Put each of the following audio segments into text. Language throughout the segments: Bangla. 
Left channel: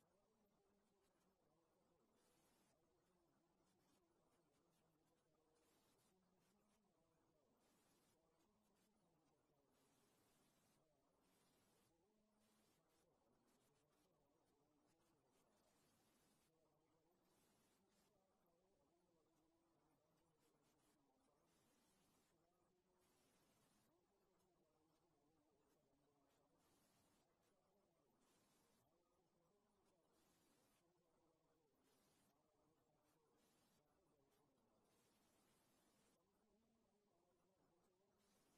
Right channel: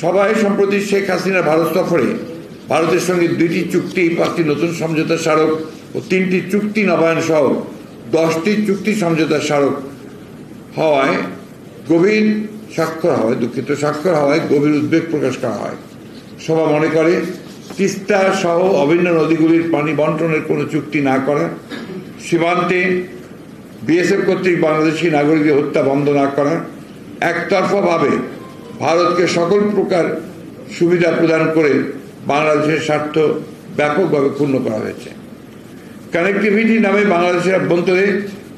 সভায় সম্প্রতি শেখ হাসিনা ভারত সফরে ভারতের সঙ্গে 2টি চুক্তি, 5টি নতুন সমঝোতা স্মারক ও 3টি চুক্তি নবায়ন সহ 10টি চুক্তি সমঝোতা স্মারক হওয়ায় স্বাক্ষর হওয়ায় গভীর উদ্বেগ প্রকাশ করা হয়। সভা মনে করে তিস্তা সহ অভিন্ন নদীগুলির পানি বন্টনের কোনো চুক্তি না করা, সীমান্তে বিএসএফ কর্তৃক বাংলাদেশি নাগরিকদের হত্যা বন্ধ না করা, একতরফাভাবে ভারতকে সকল প্রকার সুবিধা প্রদান করে বাংলাদেশের স্বার্থ ব্যাপকভাবে ক্ষুণ্ণ করা হয়েছে। কানেক্টিভিটি নামে বাংলাদেশের অভ্যন্তরে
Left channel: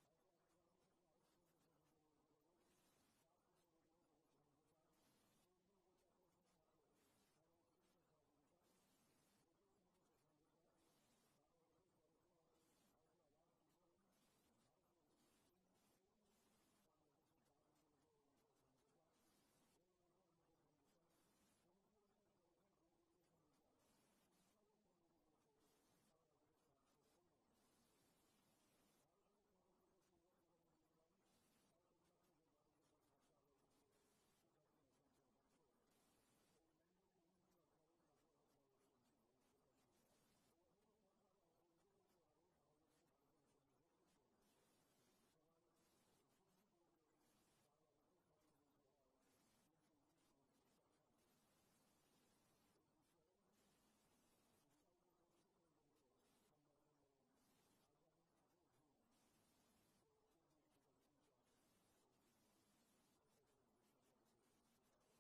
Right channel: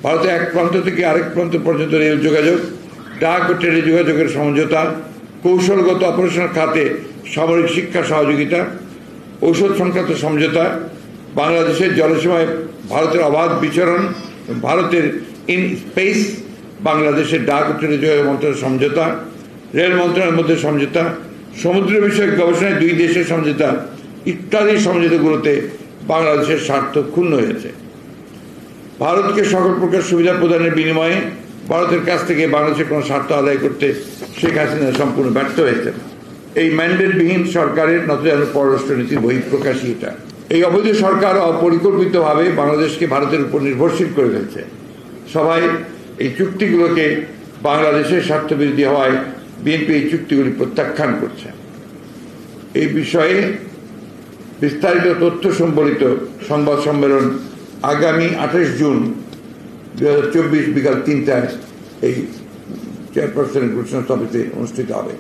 ভারতের এক প্রান্ত থেকে আরেক প্রান্ত পর্যন্ত রেল যোগাযোগ, ডাক ও টেলি যোগাযোগের সমঝোতা, কৌশলগত অপারেশনাল খাতে সামরিক শিক্ষা সহযোগিতা, ঔষধ সংক্রান্ত সমঝোতা, বাংলাদেশের জলসীমায় ভারতের অবাধ বিচরণ, ভারতের ইন স্পেস, বাংলাদেশের ডাক ও টেলি যোগাযোগ মন্ত্রণালয়ের সমঝোতা, রেল মন্ত্রণালয়ের মধ্যে সমঝোতা, সমুদ্র বিষয়ক গবেষণায় 2 দেশের সমঝোতা ইত্যাদি সমঝোতাগুলোতে বাংলাদেশের স্বার্থ ক্ষুণ্ণ হয়েছে। ভারতকে সকল প্রকার সুবিধা প্রদানের বিনিময়ে ভারতের কাছ থেকে বাংলাদেশের কোনো স্বার্থ আদায় করতে শেখ হাসিনা সম্পূর্ণ ব্যর্থ হয়েছেন। এই ম্যান্ডেটবিহীন সরকারের নতজানু পররাষ্ট্রনীতির বহিঃপ্রকাশই এটা। এই অবৈধ সরকার অপরিকল্পিতভাবে বাংলাদেশকে ভারতের উপর নির্ভরশীল করে ফেলছে। সবাই এই চুক্তিগুলোকে বাংলাদেশের স্বার্থবিরোধী হওয়ায় বিএনপি এই চুক্তিগুলি প্রত্যাখ্যান করছে। এই বিষয়ে বিস্তারিত তথ্য সম্বলিত সংবাদ সম্মেলন আগামী 28 জুন 2024 বিকাল 3টায় এই চেয়ারপারসনের ঘোষণা সভাতে অনুষ্ঠিত হবে।